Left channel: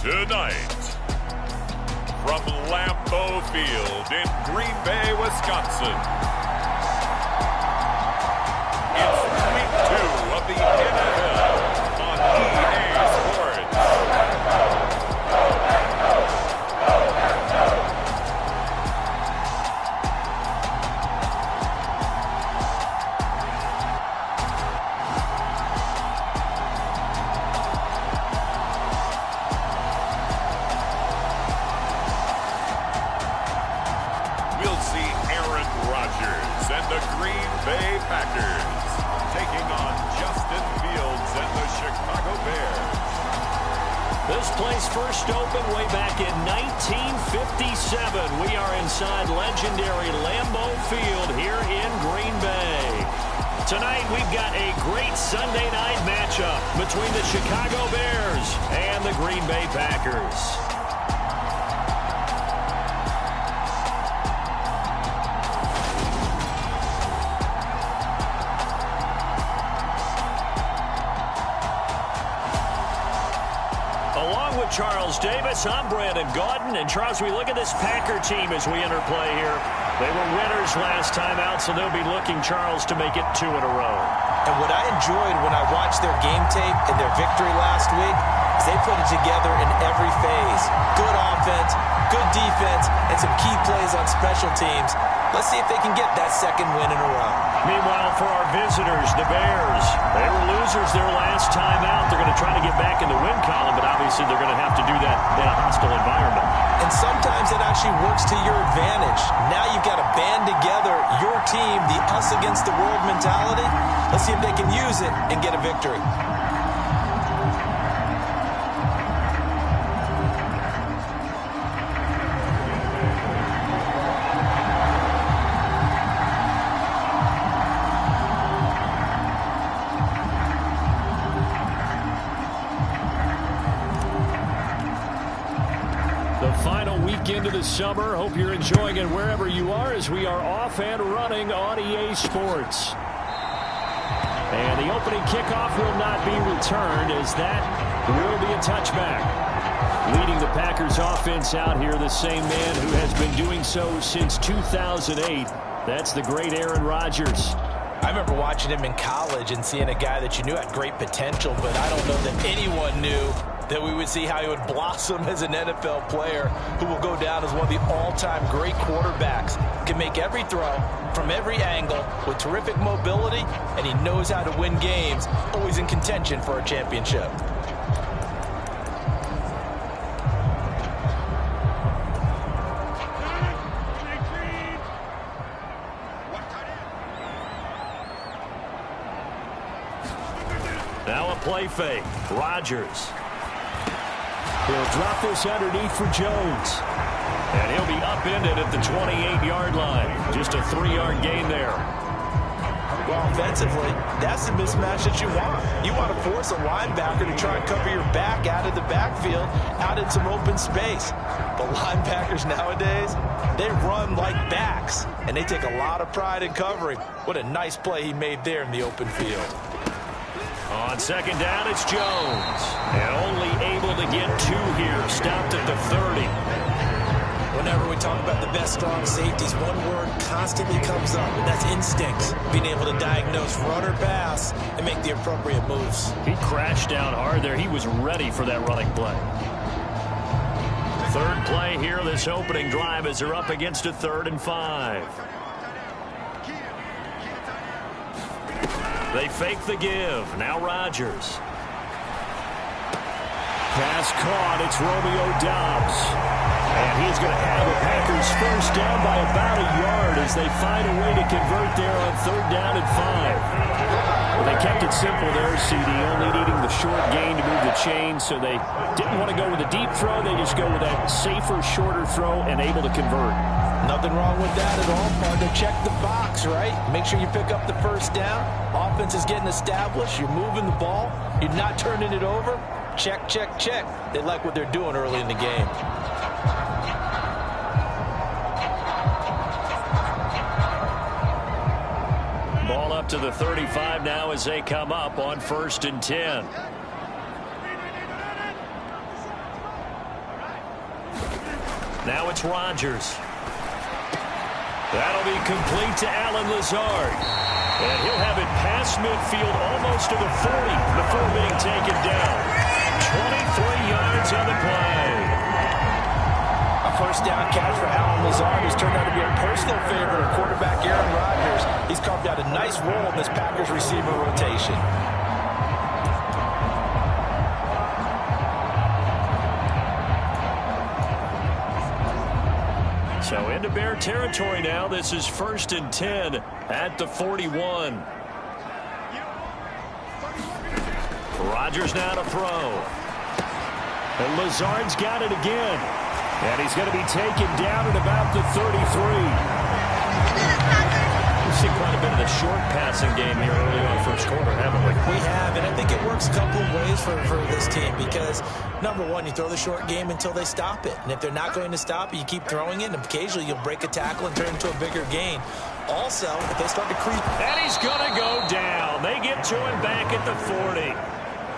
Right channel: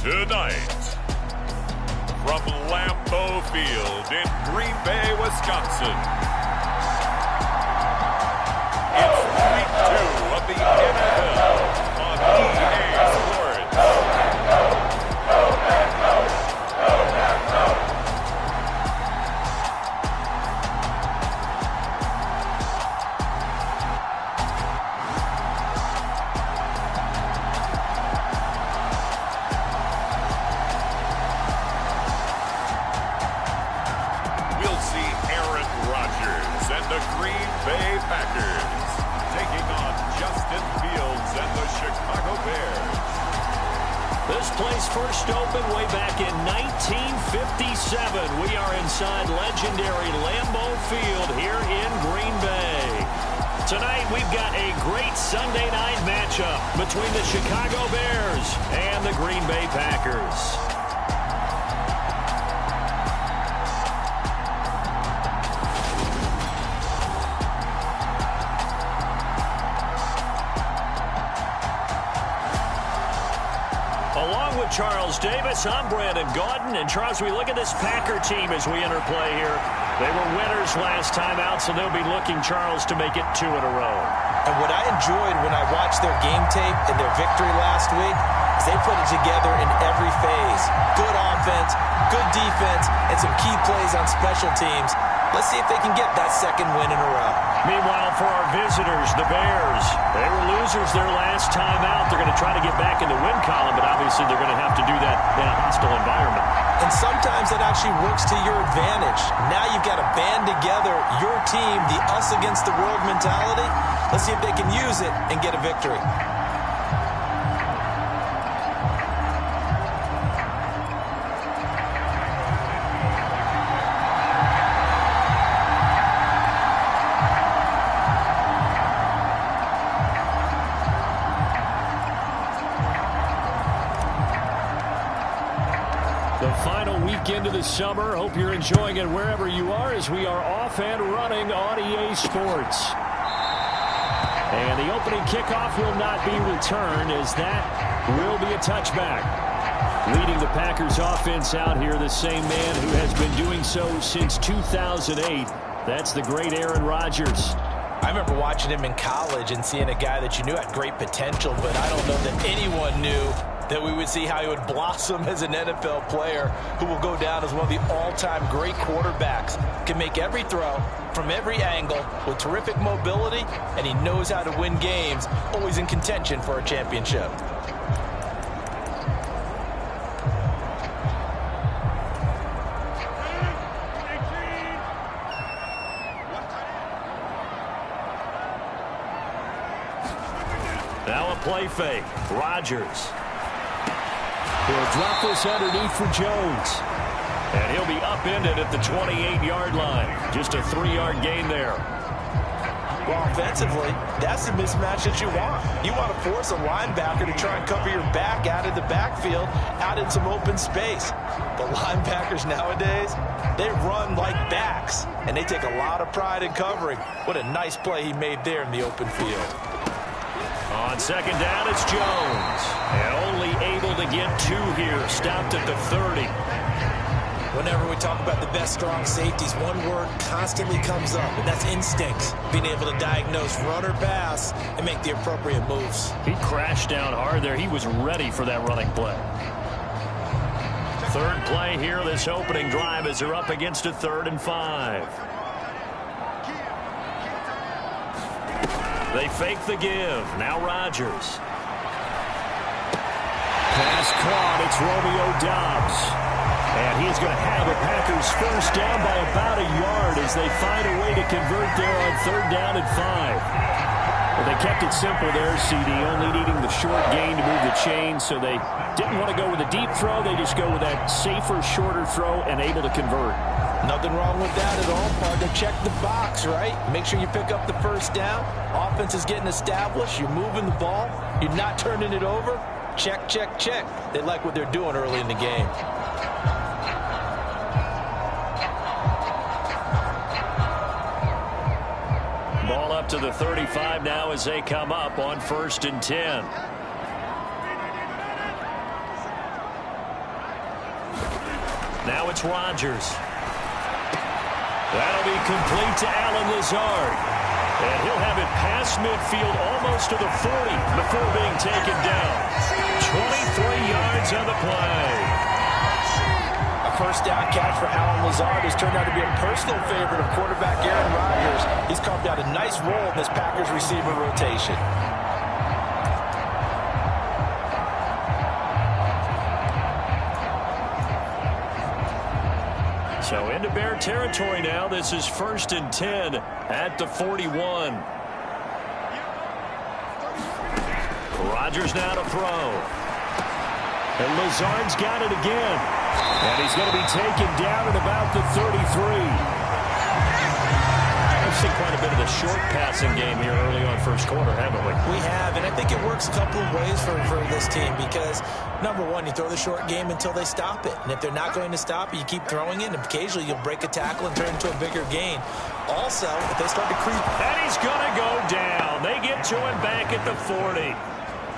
Tonight, from Lambeau Field in Green Bay, Wisconsin, it's Week 2 of the NFL on EA Sports. We'll see Aaron Rodgers and the Green Bay Packers taking on Justin Fields and the Chicago Bears. This place first opened way back in 1957. We are inside legendary Lambeau Field here in Green Bay. Tonight we've got a great Sunday night matchup between the Chicago Bears and the Green Bay Packers. Along with Charles Davis, I'm Brandon Gaudin. And Charles, we look at this Packer team as we enter play here. They were winners last time out, so they'll be looking, Charles, to make it 2 in a row. And what I enjoyed when I watched their game tape and their victory last week is they put it together in every phase. Good offense, good defense, and some key plays on special teams. Let's see if they can get that second win in a row. Meanwhile, for our visitors, the Bears, they were losers their last time out. They're going to try to get back in the win column, but obviously they're going to have to do that in a hostile environment. And sometimes it actually works to your advantage. Now you've got to band together your team, the us against the world mentality. Let's see if they can use it and get a victory. The final weekend of the summer. Hope you're enjoying it wherever you are as we are off and running on EA Sports. And the opening kickoff will not be returned as that will be a touchback. Leading the Packers offense out here, the same man who has been doing so since 2008. That's the great Aaron Rodgers. I remember watching him in college and seeing a guy that you knew had great potential, but I don't know that anyone knew that we would see how he would blossom as an NFL player who will go down as one of the all-time great quarterbacks. Can make every throw from every angle with terrific mobility, and he knows how to win games, always in contention for a championship. Now a play fake. Rodgers. He'll drop this underneath for Jones. And he'll be upended at the 28-yard line. Just a 3-yard gain there. Well, offensively, that's the mismatch that you want. You want to force a linebacker to try and cover your back out of the backfield, out in some open space. But linebackers nowadays, they run like backs, and they take a lot of pride in covering. What a nice play he made there in the open field. On second down, it's Jones. And only able to get 2 here. Stopped at the 30. Whenever we talk about the best strong safeties, one word constantly comes up, and that's instincts. Being able to diagnose run or pass and make the appropriate moves. He crashed down hard there. He was ready for that running play. Third play here, this opening drive as they're up against a 3rd and 5. They fake the give. Now Rodgers. Pass caught. It's Romeo Doubs. And he's going to have a Packers first down by about a yard as they find a way to convert there on 3rd down and 5. But they kept it simple there, CD, only needing the short gain to move the chain, so they didn't want to go with a deep throw. They just go with that safer, shorter throw and able to convert. Nothing wrong with that at all, partner. Check the box, right? Make sure you pick up the first down. Offense is getting established. You're moving the ball. You're not turning it over. Check, check, check. They like what they're doing early in the game. Ball up to the 35 now as they come up on 1st and 10. Now it's Rodgers. That'll be complete to Allen Lazard. And he'll have it past midfield almost to the 40 before being taken down. 23 yards on the play. A first down catch for Allen Lazard has turned out to be a personal favorite of quarterback Aaron Rodgers. He's carved out a nice role in this Packers receiver rotation. So into Bear territory now. This is 1st and 10 at the 41. Rodgers now to throw. And Lazard's got it again. And he's going to be taken down at about the 33. We've seen quite a bit of the short passing game here early on first quarter, haven't we? We have, and I think it works a couple of ways for this team because, number one, you throw the short game until they stop it. And if they're not going to stop it, you keep throwing it, and occasionally you'll break a tackle and turn it into a bigger gain. Also, if they start to creep. And he's going to go down. They get to him back at the 40.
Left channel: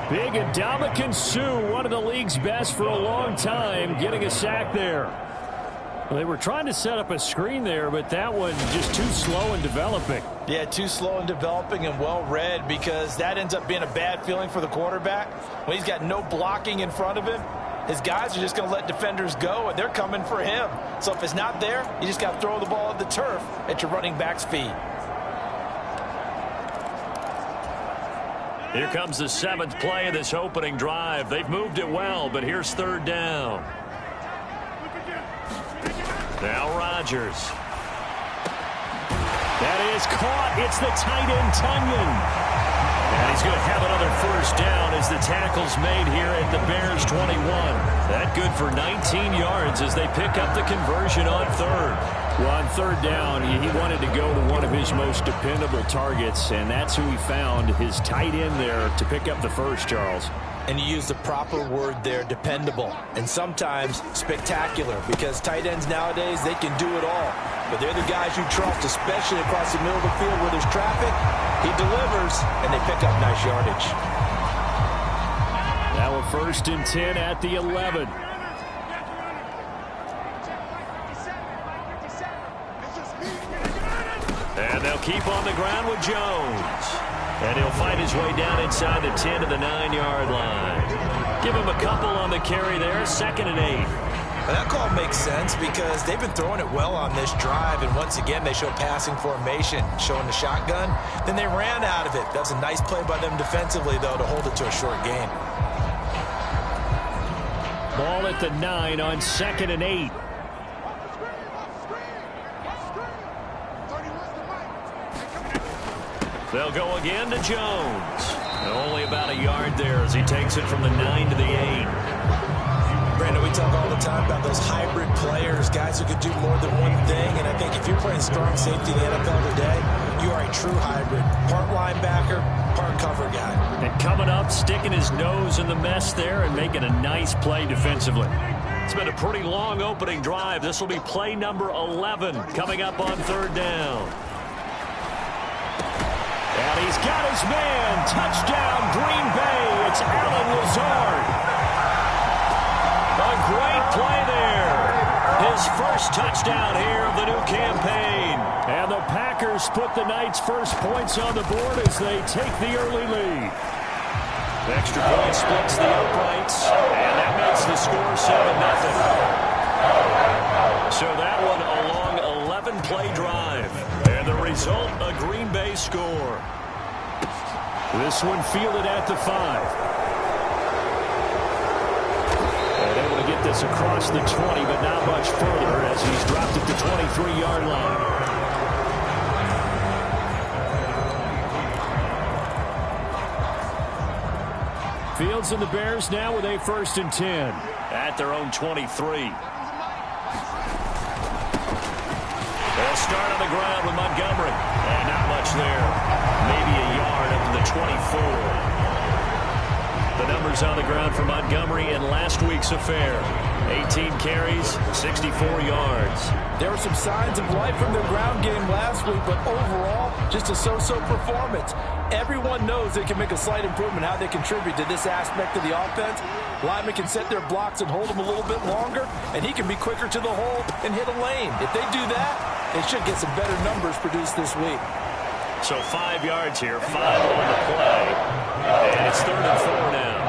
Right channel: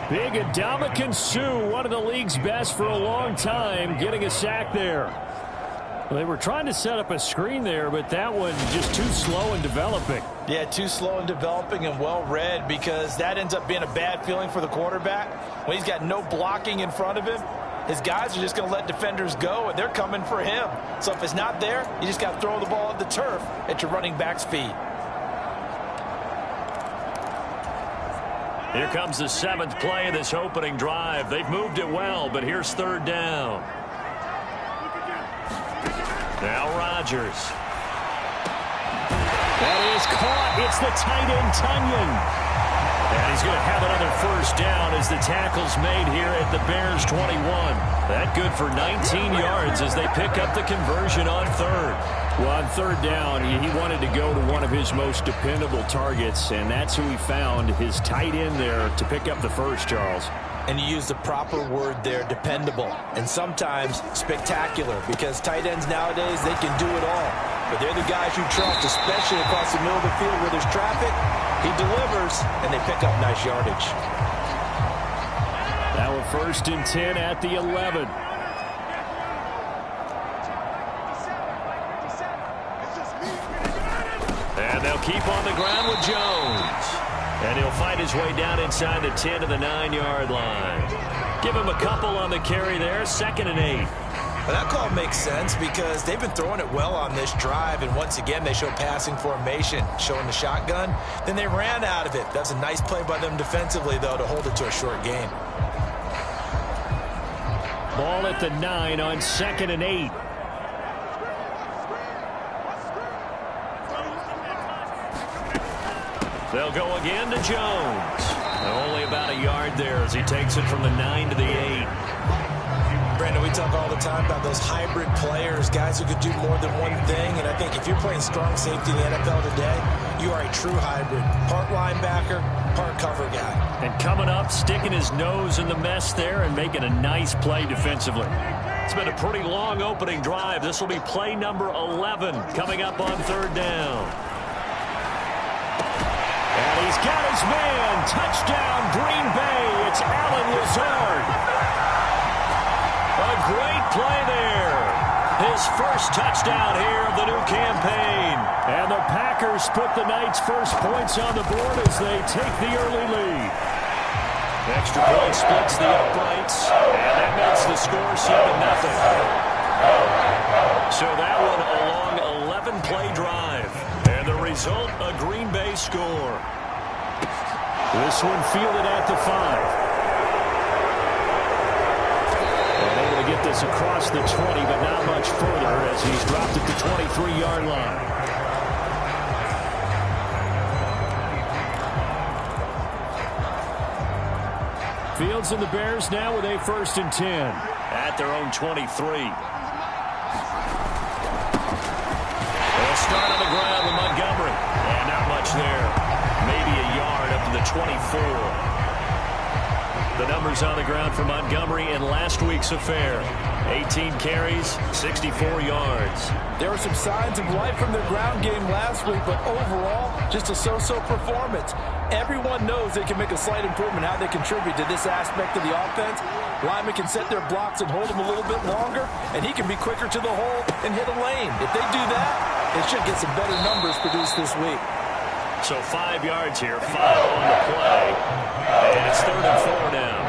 Big Ndamukong Suh, one of the league's best for a long time, getting a sack there. Well, they were trying to set up a screen there, but that one just too slow in developing. Yeah, too slow in developing and well read because that ends up being a bad feeling for the quarterback. When he's got no blocking in front of him, his guys are just going to let defenders go, and they're coming for him. So if it's not there, you just got to throw the ball at the turf at your running back's feet. Here comes the 7th play of this opening drive. They've moved it well, but here's 3rd down. Now Rodgers. That is caught. It's the tight end, Tunyon. And he's going to have another first down as the tackle's made here at the Bears 21. That good for 19 yards as they pick up the conversion on 3rd. Well, on 3rd down, he wanted to go to one of his most dependable targets, and that's who he found, his tight end there, to pick up the first, Charles. And you use the proper word there, dependable, and sometimes spectacular, because tight ends nowadays, they can do it all. But they're the guys you trust, especially across the middle of the field where there's traffic. He delivers, and they pick up nice yardage. Now a 1st and 10 at the 11. And they'll keep on the ground with Jones. And he'll fight his way down inside the 10 to the 9-yard line. Give him a couple on the carry there. 2nd and 8. Well, that call makes sense because they've been throwing it well on this drive, and once again they show passing formation, showing the shotgun. Then they ran out of it. That's a nice play by them defensively, though, to hold it to a short gain. Ball at the 9 on 2nd and 8. They'll go again to Jones. Only about a yard there as he takes it from the 9 to the 8. Brandon, we talk all the time about those hybrid players, guys who could do more than one thing. And I think if you're playing strong safety in the NFL today, you are a true hybrid. Part linebacker, part cover guy. And coming up, sticking his nose in the mess there and making a nice play defensively. It's been a pretty long opening drive. This will be play number 11 coming up on 3rd down. And he's got his man. Touchdown, Green Bay. It's Allen Lazard. A great play there. His first touchdown here of the new campaign. And the Packers put the night's first points on the board as they take the early lead. Extra point splits the uprights, and that makes the score 7-0. So that one a long 11-play drive. And the result, a Green Bay score. This one fielded at the 5. And able to get this across the 20, but not much further as he's dropped at the 23-yard line. Fields and the Bears now with a 1st and 10 at their own 23. They'll start on the ground with Montgomery. And not much there. Maybe a yard up to the 24. The numbers on the ground for Montgomery in last week's affair. 18 carries, 64 yards. There were some signs of life from their ground game last week, but overall, just a so-so performance. Everyone knows they can make a slight improvement how they contribute to this aspect of the offense. Linemen can set their blocks and hold them a little bit longer, and he can be quicker to the hole and hit a lane. If they do that, they should get some better numbers produced this week. So 5 yards here, 5 on the play, and it's 3rd and 4 now.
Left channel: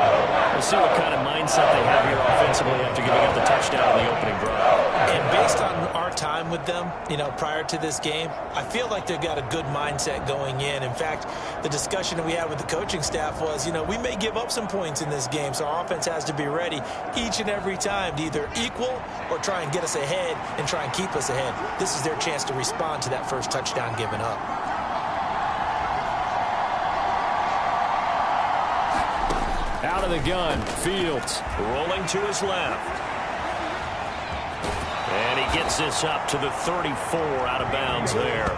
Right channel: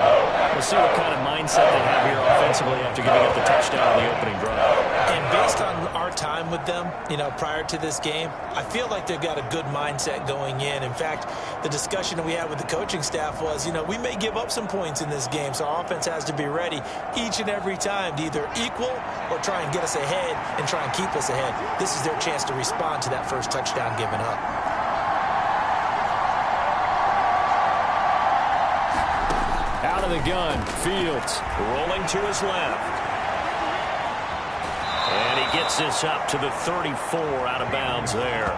We'll see what kind of mindset they have here offensively after giving up the touchdown on the opening drive. And based on our time with them, prior to this game, I feel like they've got a good mindset going in. In fact, the discussion that we had with the coaching staff was, we may give up some points in this game, so our offense has to be ready each and every time to either equal or try and get us ahead and try and keep us ahead. This is their chance to respond to that first touchdown given up. Out of the gun, Fields rolling to his left. And he gets this up to the 34 out of bounds there.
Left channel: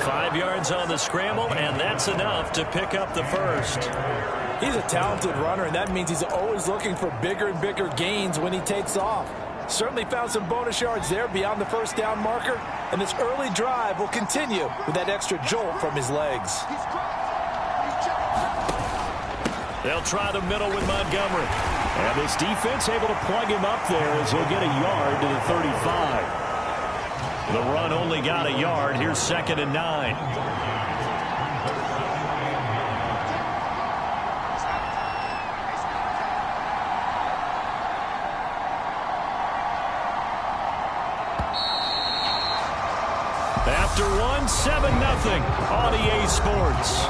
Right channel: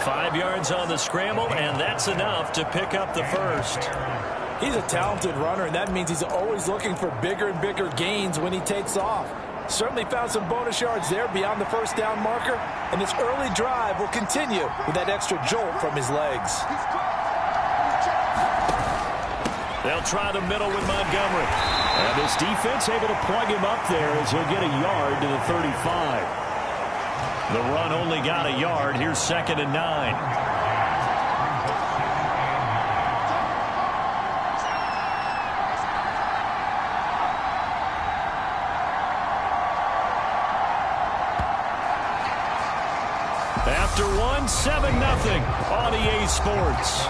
5 yards on the scramble, and that's enough to pick up the first. He's a talented runner, and that means he's always looking for bigger and bigger gains when he takes off. Certainly found some bonus yards there beyond the first down marker, and this early drive will continue with that extra jolt from his legs. They'll try the middle with Montgomery. And this defense able to plug him up there as he'll get a yard to the 35. The run only got a yard. Here's 2nd and 9. After 1, 7-0 on EA Sports.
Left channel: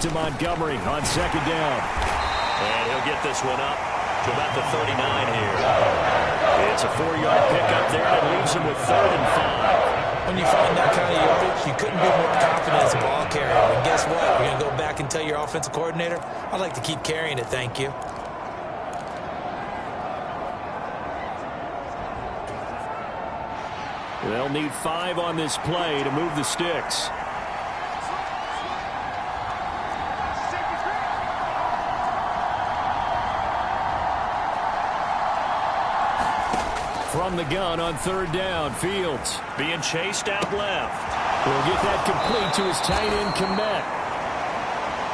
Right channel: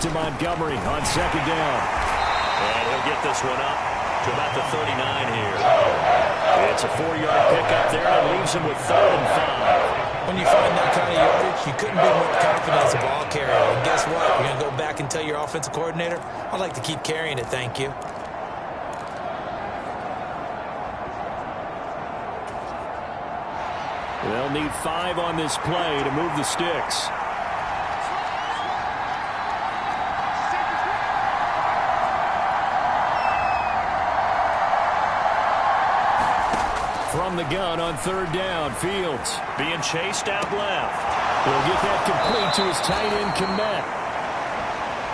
To Montgomery on 2nd down. And he'll get this one up to about the 39 here. It's a 4-yard pickup there, and it leaves him with 3rd and 5. When you find that kind of yardage, you couldn't be more confident as a ball carrier. And guess what? You're going to go back and tell your offensive coordinator, I'd like to keep carrying it, thank you. They'll need 5 on this play to move the sticks. From the gun on 3rd down, Fields being chased out left. He'll get that complete to his tight end, Kmet.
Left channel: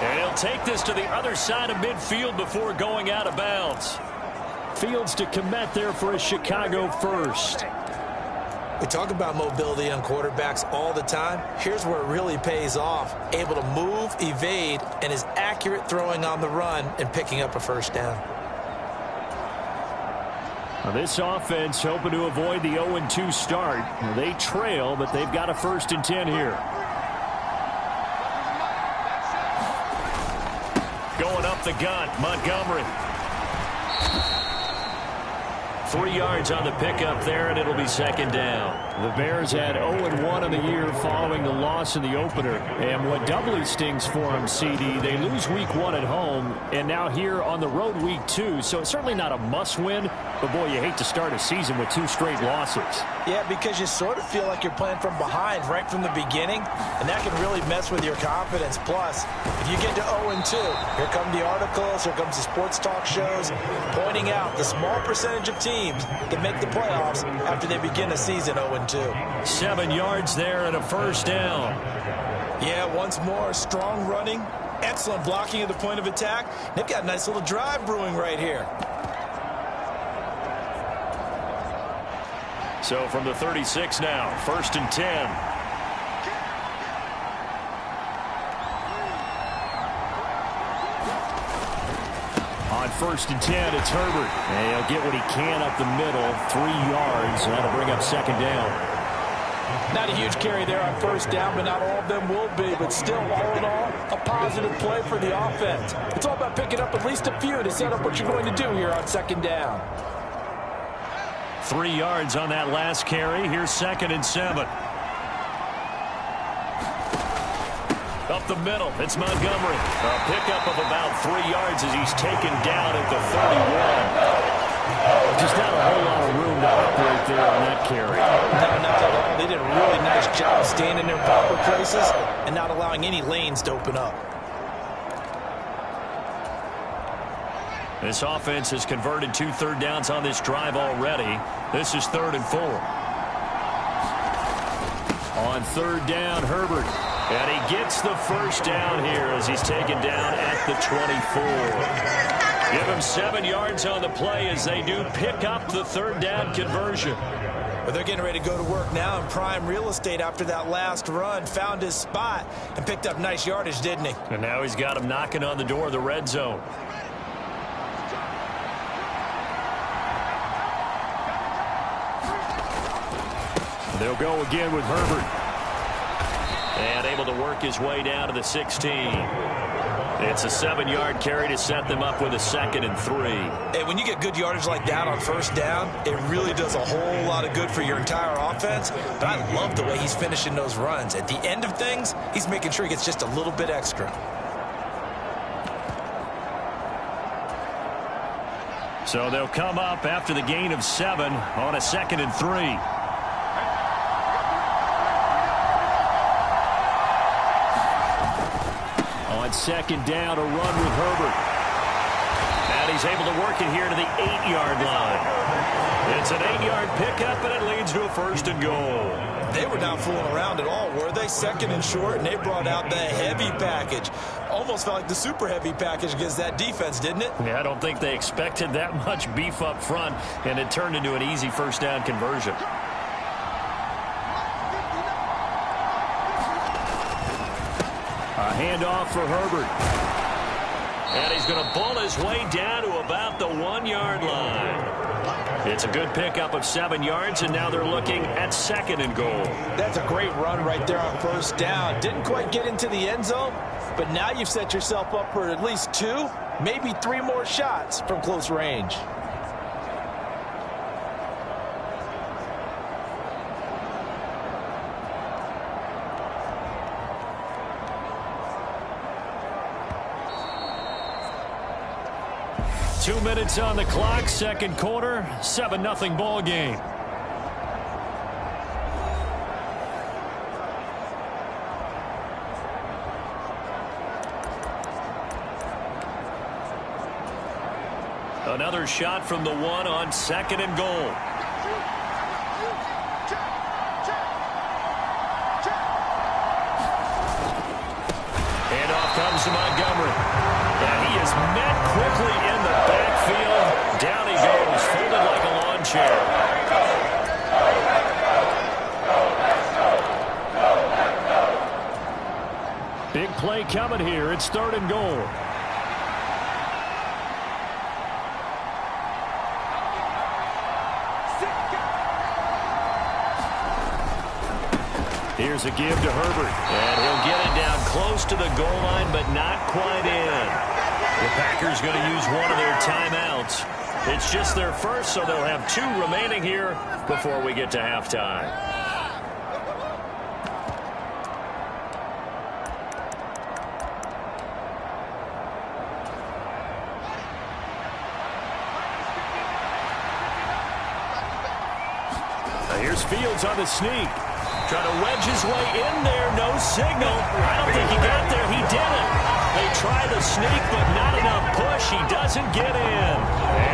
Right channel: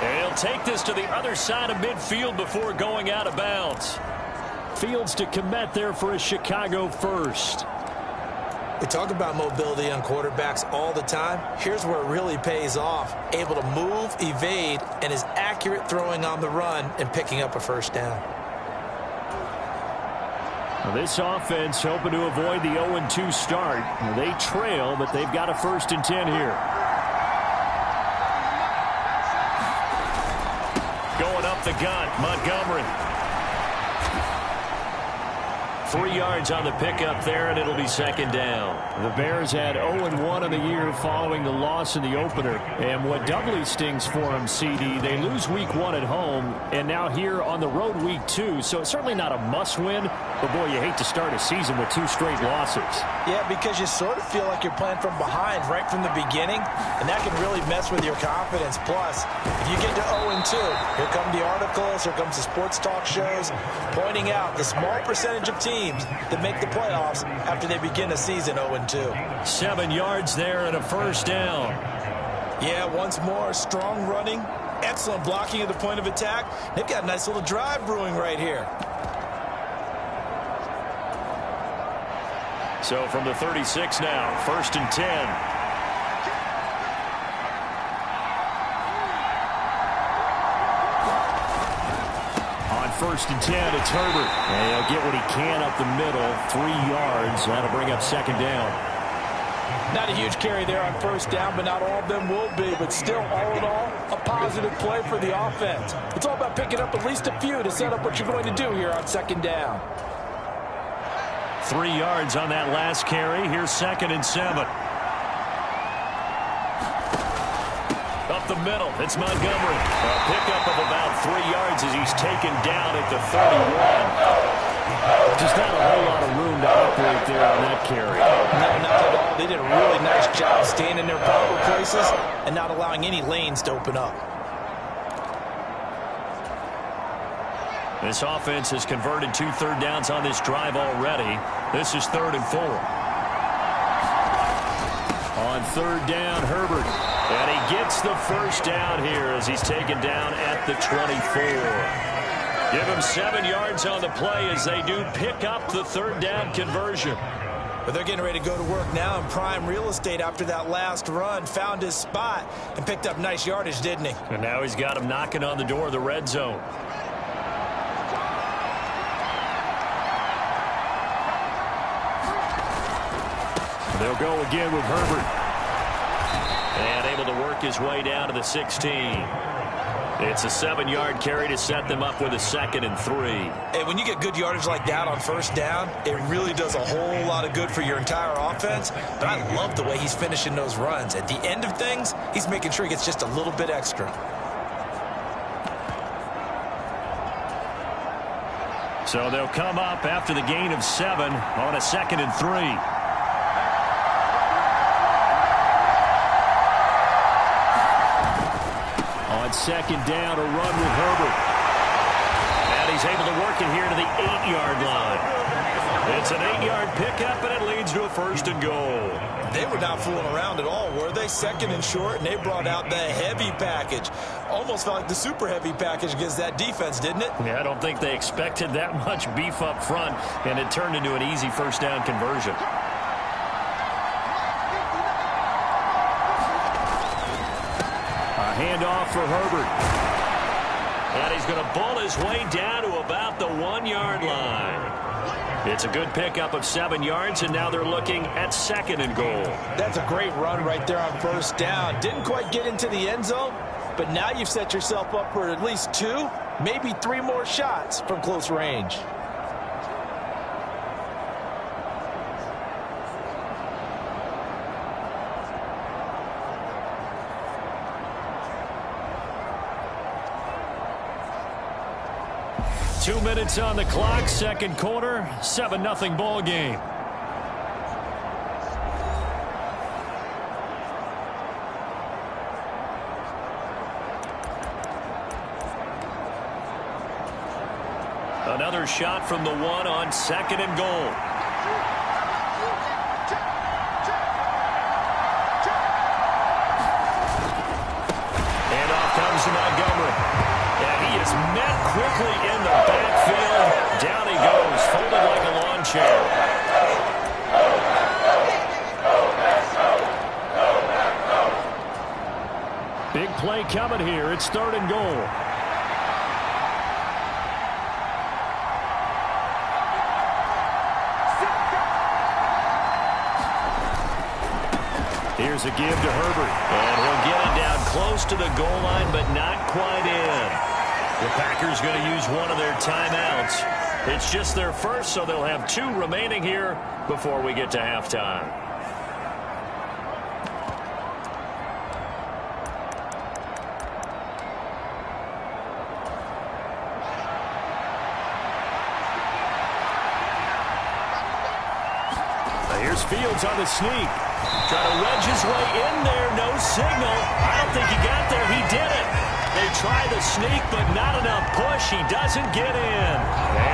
And he'll take this to the other side of midfield before going out of bounds. Fields to Kmet there for a Chicago first. We talk about mobility on quarterbacks all the time. Here's where it really pays off. Able to move, evade, and is accurate throwing on the run and picking up a first down. Now this offense hoping to avoid the 0-2 start. They trail, but they've got a 1st and 10 here. Going up the gut, Montgomery. 3 yards on the pickup there, and it'll be 2nd down. The Bears had 0-1 on the year following the loss in the opener. And what doubly stings for them, CD, they lose week 1 at home, and now here on the road week 2. So it's certainly not a must-win, but boy, you hate to start a season with 2 straight losses. Yeah, because you sort of feel like you're playing from behind right from the beginning, and that can really mess with your confidence. Plus, if you get to 0-2, here come the articles, here comes the sports talk shows, pointing out the small percentage of teams that make the playoffs after they begin a season 0-2. 7 yards there and a 1st down. Yeah, once more, strong running, excellent blocking at the point of attack. They've got a nice little drive brewing right here. So from the 36 now, 1st and 10. On 1st and 10, it's Herbert. And he'll get what he can up the middle, 3 yards. That'll bring up 2nd down. Not a huge carry there on 1st down, but not all of them will be. But still, all in all, a positive play for the offense. It's all about picking up at least a few to set up what you're going to do here on 2nd down. 3 yards on that last carry. Here's 2nd and 7. Up the middle, it's Montgomery. A pickup of about 3 yards as he's taken down at the 31. Just not a whole lot of room to operate there on that carry. No, not at all. They did a really nice job staying in their proper places and not allowing any lanes to open up. This offense has converted 2 third downs on this drive already. This is 3rd and 4. On 3rd down, Herbert. And he gets the 1st down here as he's taken down at the 24. Give him 7 yards on the play as they do pick up the 3rd down conversion. But they're getting ready to go to work now in prime real estate after that last run. Found his spot and picked up nice yardage, didn't he? And now he's got him knocking on the door of the red zone. They'll go again with Herbert. And able to work his way down to the 16. It's a 7-yard carry to set them up with a 2nd and 3. And when you get good yardage like that on 1st down, it really does a whole lot of good for your entire offense. But I love the way he's finishing those runs. At the end of things, he's making sure he gets just a little bit extra. So they'll come up after the gain of 7 on a 2nd and 3. On 2nd down, a run with Herbert. And he's able to work it here to the 8-yard line. It's an 8-yard pickup, and it leads to a 1st and goal. They were not fooling around at all, were they? 2nd and short, and they brought out the heavy package. Almost felt like the super heavy package against that defense, didn't it? Yeah, I don't think they expected that much beef up front, and it turned into an easy 1st down conversion. A handoff for Herbert. And he's going to bull his way down to about the 1-yard line. It's a good pickup of 7 yards, and now they're looking at 2nd and goal. That's a great run right there on 1st down. Didn't quite get into the end zone, but now you've set yourself up for at least 2, maybe 3 more shots from close range. Two minutes on the clock, 2nd quarter, 7-0 ball game. Another shot from the 1 on 2nd and goal. Handoff comes to Montgomery. And he is met quickly in the backfield. Down he goes, folded like a lawn chair. Big play coming here. It's 3rd and goal. Here's a give to Herbert. And he'll get it down close to the goal line, but not quite in. The Packers going to use one of their timeouts. It's just their first, so they'll have 2 remaining here before we get to halftime. Here's Fields on the sneak. Trying to wedge his way in there. No signal. I don't think he got there. He didn't. They try the sneak, but not enough push. He doesn't get in.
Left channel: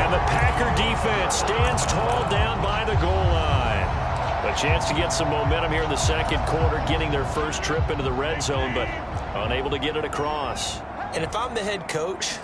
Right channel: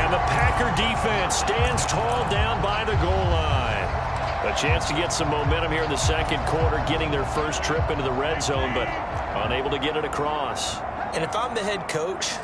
And the Packer defense stands tall down by the goal line. A chance to get some momentum here in the 2nd quarter, getting their first trip into the red zone, but unable to get it across. And if I'm the head coach,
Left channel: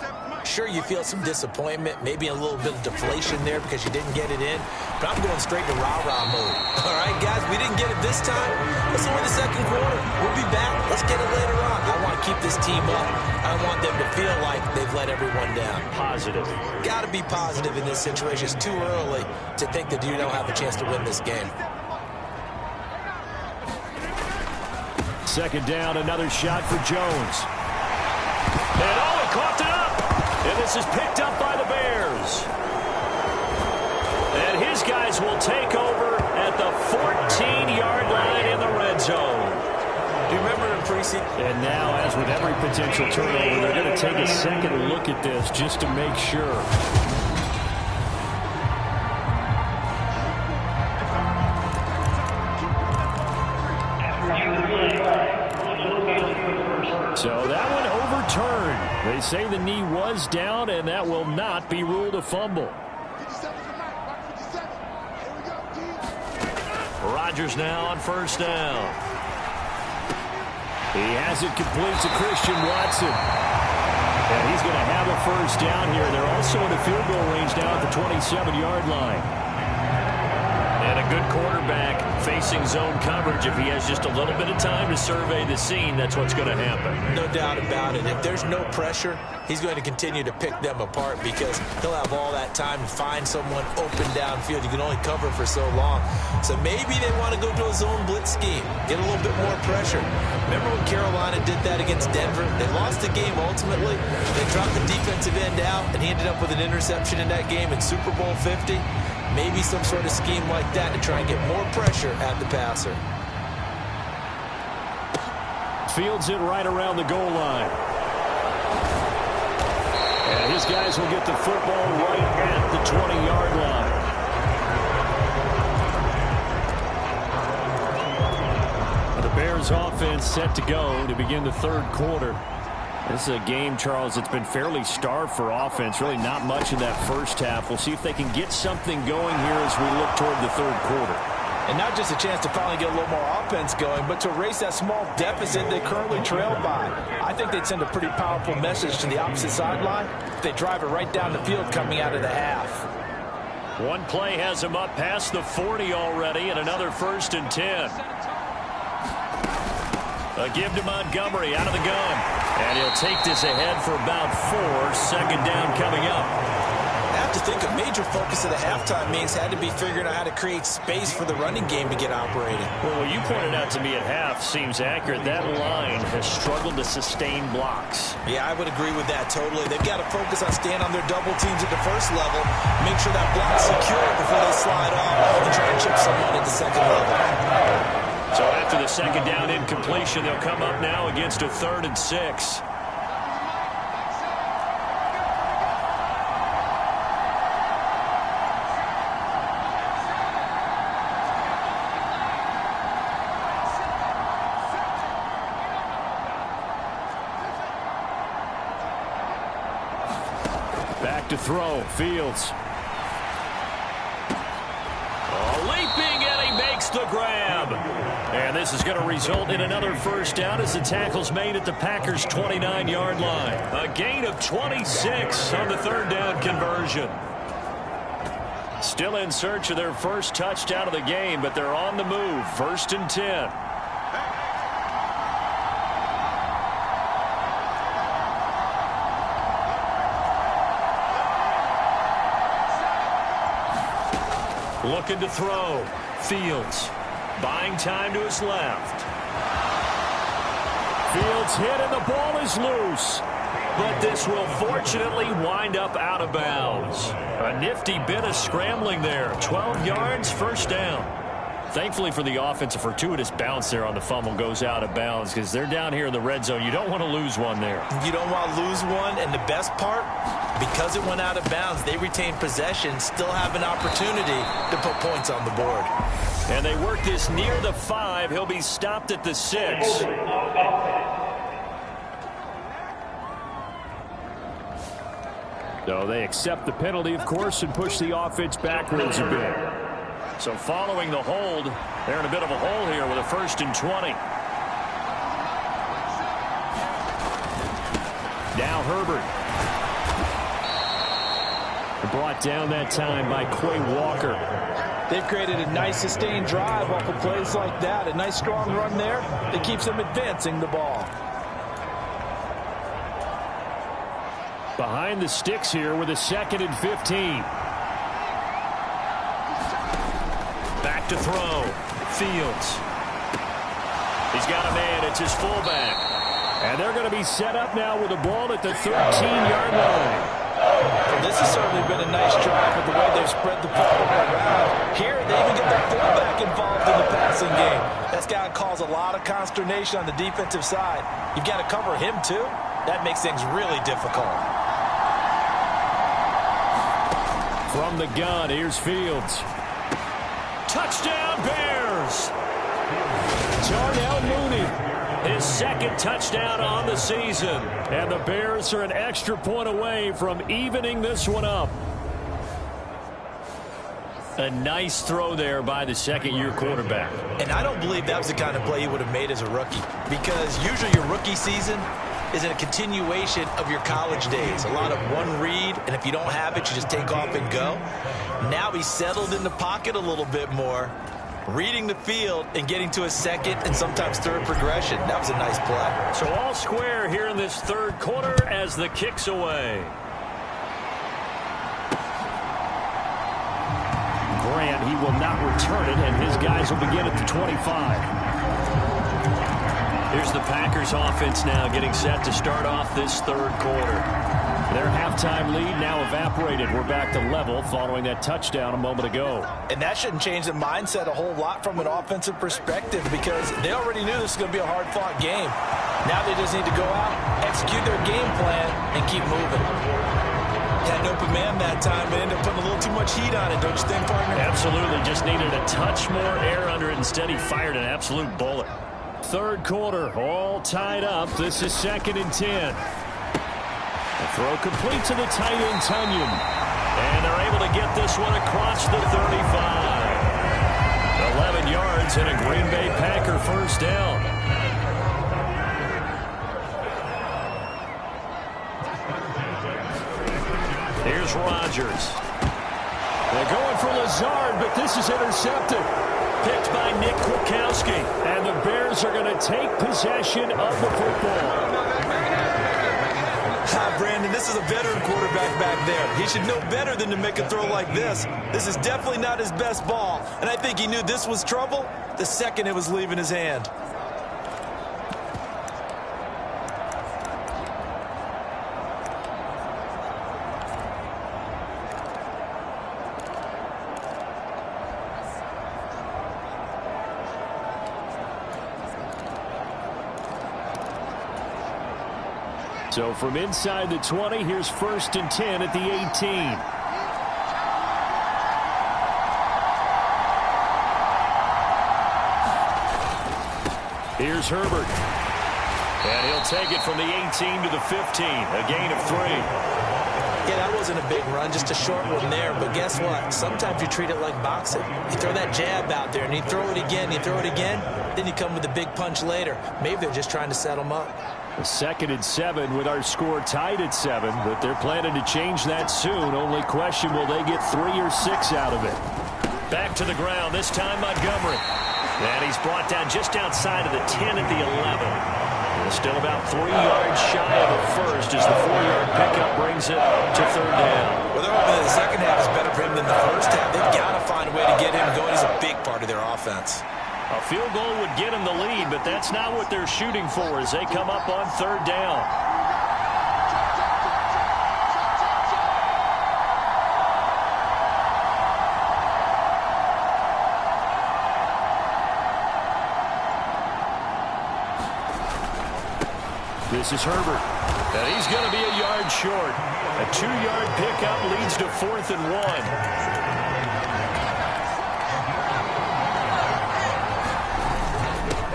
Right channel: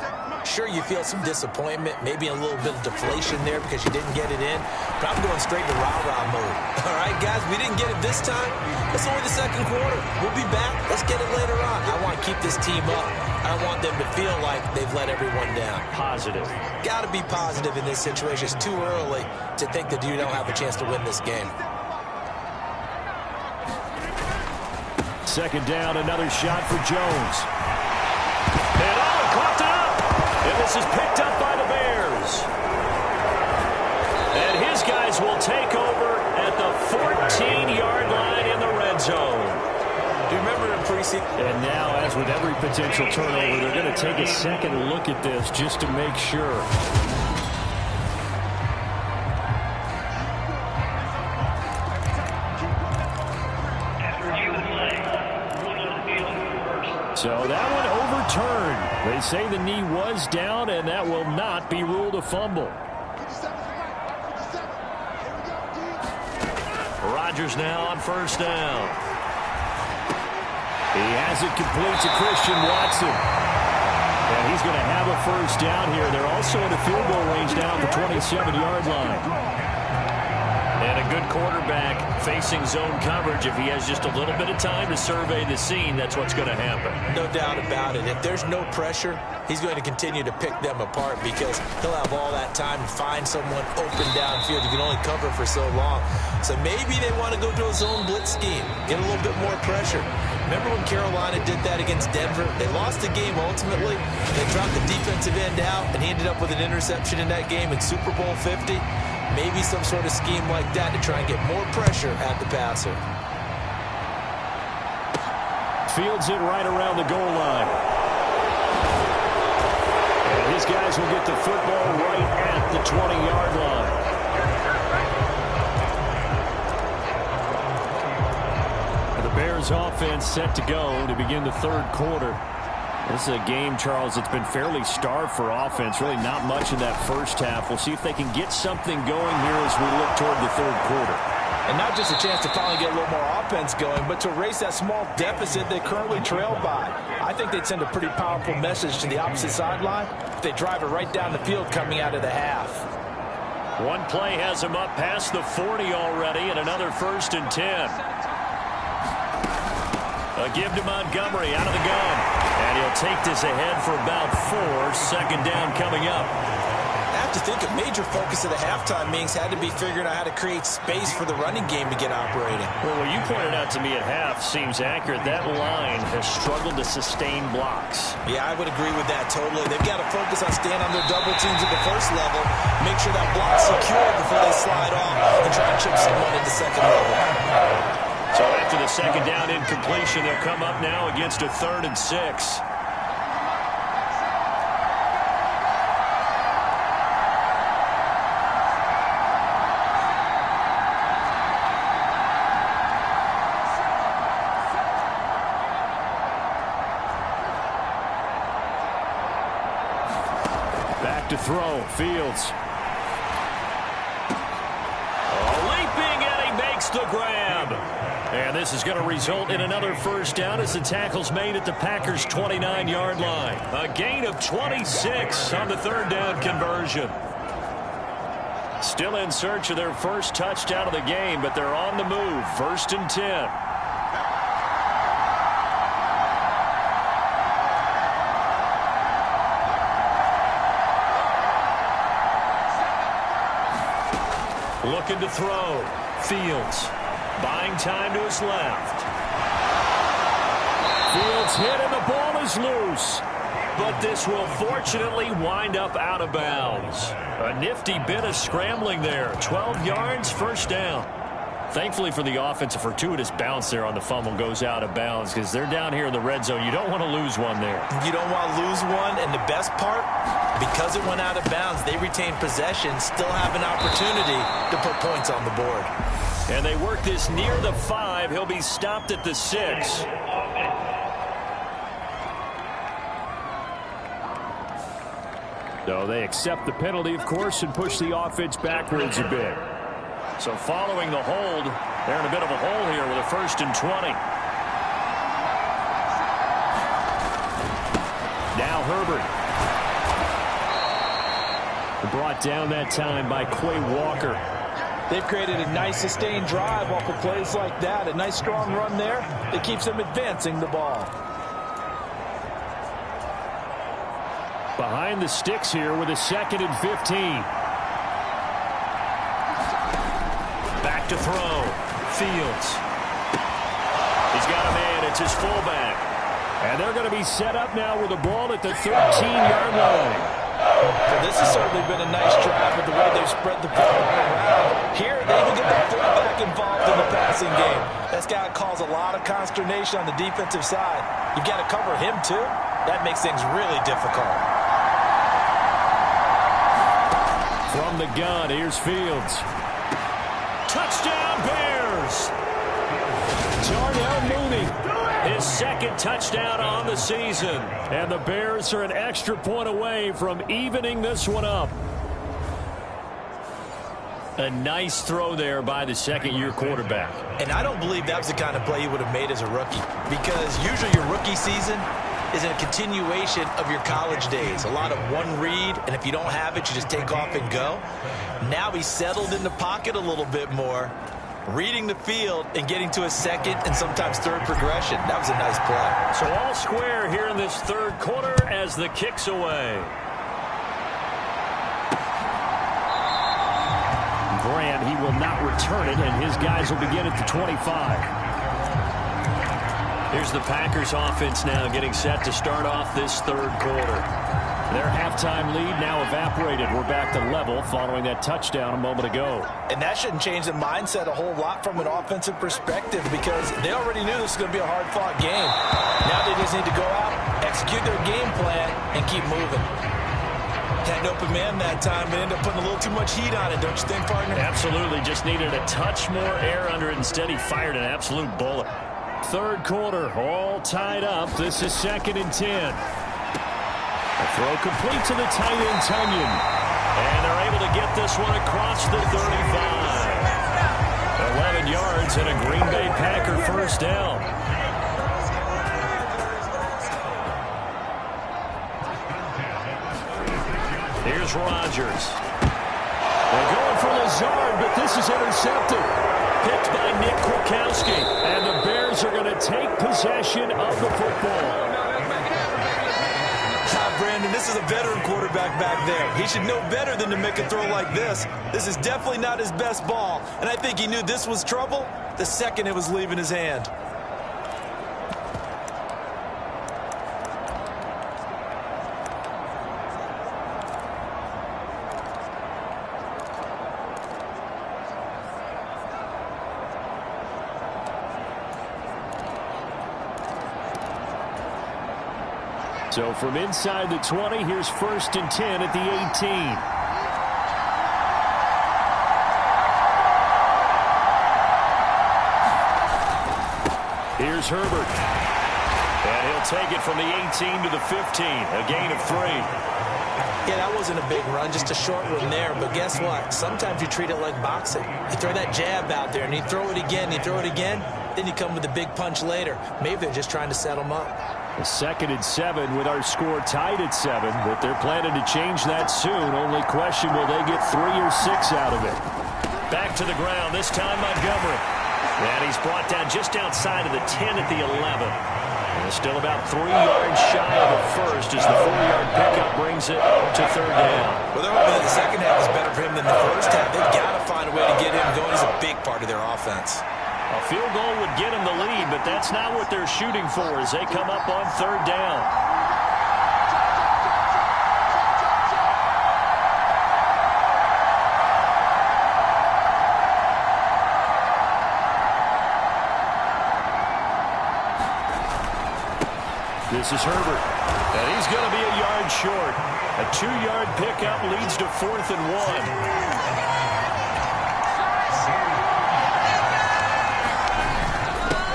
Sure, you feel some disappointment, maybe a little bit of deflation there because you didn't get it in, but I'm going straight to rah-rah mode. All right, guys, we didn't get it this time. It's only the second quarter. We'll be back. Let's get it later on. I want to keep this team up. I want them to feel like they've let everyone down. Positive. Got to be positive in this situation. It's too early to think that you don't have a chance to win this game. Second down, another shot for Jones. And he coughed it up. And this is picked up by the Bears. And his guys will take over at the 14-yard line in the red zone. Do you remember in preseason? And now, as with every potential turnover, they're going to take a second look at this just to make sure. So that one overturned. They say the knee was down, and that will not be ruled a fumble. Rodgers now on first down. He has it complete to Christian Watson. And he's going to have a first down here. They're also in a field goal range now at the 27-yard line. And a good quarterback facing zone coverage. If he has just a little bit of time to survey the scene, that's what's going to happen. No doubt about it. If there's no pressure, he's going to continue to pick them apart because he'll have all that time to find someone open downfield. You can only cover for so long. So maybe they want to go to a zone blitz scheme, get a little bit more pressure. Remember when Carolina did that against Denver? They lost the game ultimately. They dropped the defensive end out, and he ended up with an interception in that game in Super Bowl 50. Maybe some sort of scheme like that to try and get more pressure at the passer. Fields it right around the goal line. And his guys will get the football right at the 20-yard line. The Bears offense set to go to begin the third quarter. This is a game, Charles, that's been fairly starved for offense. Really not much in that first half. We'll see if they can get something going here as we look toward the third quarter. And not just a chance to finally get a little more offense going, but to erase that small deficit they currently trail by. I think they'd send a pretty powerful message to the opposite sideline if they drive it right down the field coming out of the half. One play has them up past the 40 already, and another 1st and 10. A give to Montgomery out of the gun. And he'll take this ahead for about 4. Second down coming up. I have to think a major focus of the halftime meetings had to be figuring out how to create space for the running game to get operating. Well, what you pointed out to me at half seems accurate. That line has struggled to sustain blocks. Yeah, I would agree with that totally. They've got to focus on staying on their double teams at the first level, make sure that block's secure before they slide off and try and chip someone at the second level. So after the second down incompletion, they'll come up now against a 3rd and 6. Back to throw, Fields. Leaping, and he makes the grab. And this is going to result in another first down as the tackle's made at the Packers' 29-yard line. A gain of 26 on the third down conversion. Still in search of their first touchdown of the game, but they're on the move. 1st and 10. Looking to throw. Fields. Buying time to his left. Fields hit and the ball is loose. But this will fortunately wind up out of bounds. A nifty bit of scrambling there. 12 yards, first down. Thankfully for the offense, a fortuitous bounce there on the fumble goes out of bounds because they're down here in the red zone. You don't want to lose one there. You don't want to lose one, and the best part, because it went out of bounds, they retain possession, still have an opportunity to put points on the board. And they work this near the 5. He'll be stopped at the 6. So they accept the penalty, of course, and push the offense backwards a bit. So following the hold, they're in a bit of a hole here with a 1st and 20. Now Herbert. brought down that time by Quay Walker. They've created a nice sustained drive off of plays like that. A nice strong run there that keeps them advancing the ball. Behind the sticks here with a 2nd and 15. Back to throw. Fields. He's got a man. It's his fullback. And they're going to be set up now with the ball at the 13-yard line. So this has certainly been a nice drive with the way they've spread the football around. Here, they even get the fullback involved in the passing game. That's got to cause a lot of consternation on the defensive side. You've got to cover him, too. That makes things really difficult. From the gun, here's Fields. Touchdown, Bears! Darnell Mooney, his 2nd touchdown on the season. And the Bears are an extra point away from evening this one up. A nice throw there by the 2nd-year quarterback. And I don't believe that was the kind of play he would have made as a rookie, because usually your rookie season is a continuation of your college days. A lot of one read, and if you don't have it, you just take off and go. Now he's settled in the pocket a little bit more, reading the field and getting to a 2nd and sometimes 3rd progression. That was a nice play. So all square here in this 3rd quarter as the kick's away. Grant, he will not return it, and his guys will begin at the 25. Here's the Packers offense now getting set to start off this 3rd quarter. Their halftime lead now evaporated. We're back to level following that touchdown a moment ago. And that shouldn't change the mindset a whole lot from an offensive perspective, because they already knew this was going to be a hard-fought game. Now they just need to go out, execute their game plan, and keep moving. Had an open man that time, but ended up putting a little too much heat on it, don't you think, partner? Absolutely. Just needed a touch more air under it. Instead, he fired an absolute bullet. 3rd quarter, all tied up. This is 2nd and 10. A throw complete to the tight end, Tunyon. And they're able to get this one across the 35. 11 yards and a Green Bay Packer first down. Here's Rodgers. They're going for Lazard, but this is intercepted. Picked by Nick Kwiatkowski. And the Bears are going to take possession of the football. Brandon, this is a veteran quarterback back there. He should know better than to make a throw like this. This is definitely not his best ball, and I think he knew this was trouble the second it was leaving his hand. So from inside the 20, here's 1st and 10 at the 18. Here's Herbert. And he'll take it from the 18 to the 15. A gain of 3. Yeah, that wasn't a big run, just a short one there. But guess what? Sometimes you treat it like boxing. You throw that jab out there, and you throw it again, you throw it again, then you come with a big punch later. Maybe they're just trying to set them up. A 2nd and 7 with our score tied at 7, but they're planning to change that soon. Only question, will they get 3 or 6 out of it? Back to the ground, this time Montgomery. And he's brought down just outside of the 10 at the 11. And still about 3 yards shy of a first as the 4-yard pickup brings it to 3rd down. Well, they're hoping that the second half is better for him than the first half. They've got to find a way to get him going. He's a big part of their offense. A field goal would get them the lead, but that's not what they're shooting for as they come up on 3rd down. This is Herbert, and he's going to be a yard short. A 2-yard pickup leads to 4th and 1.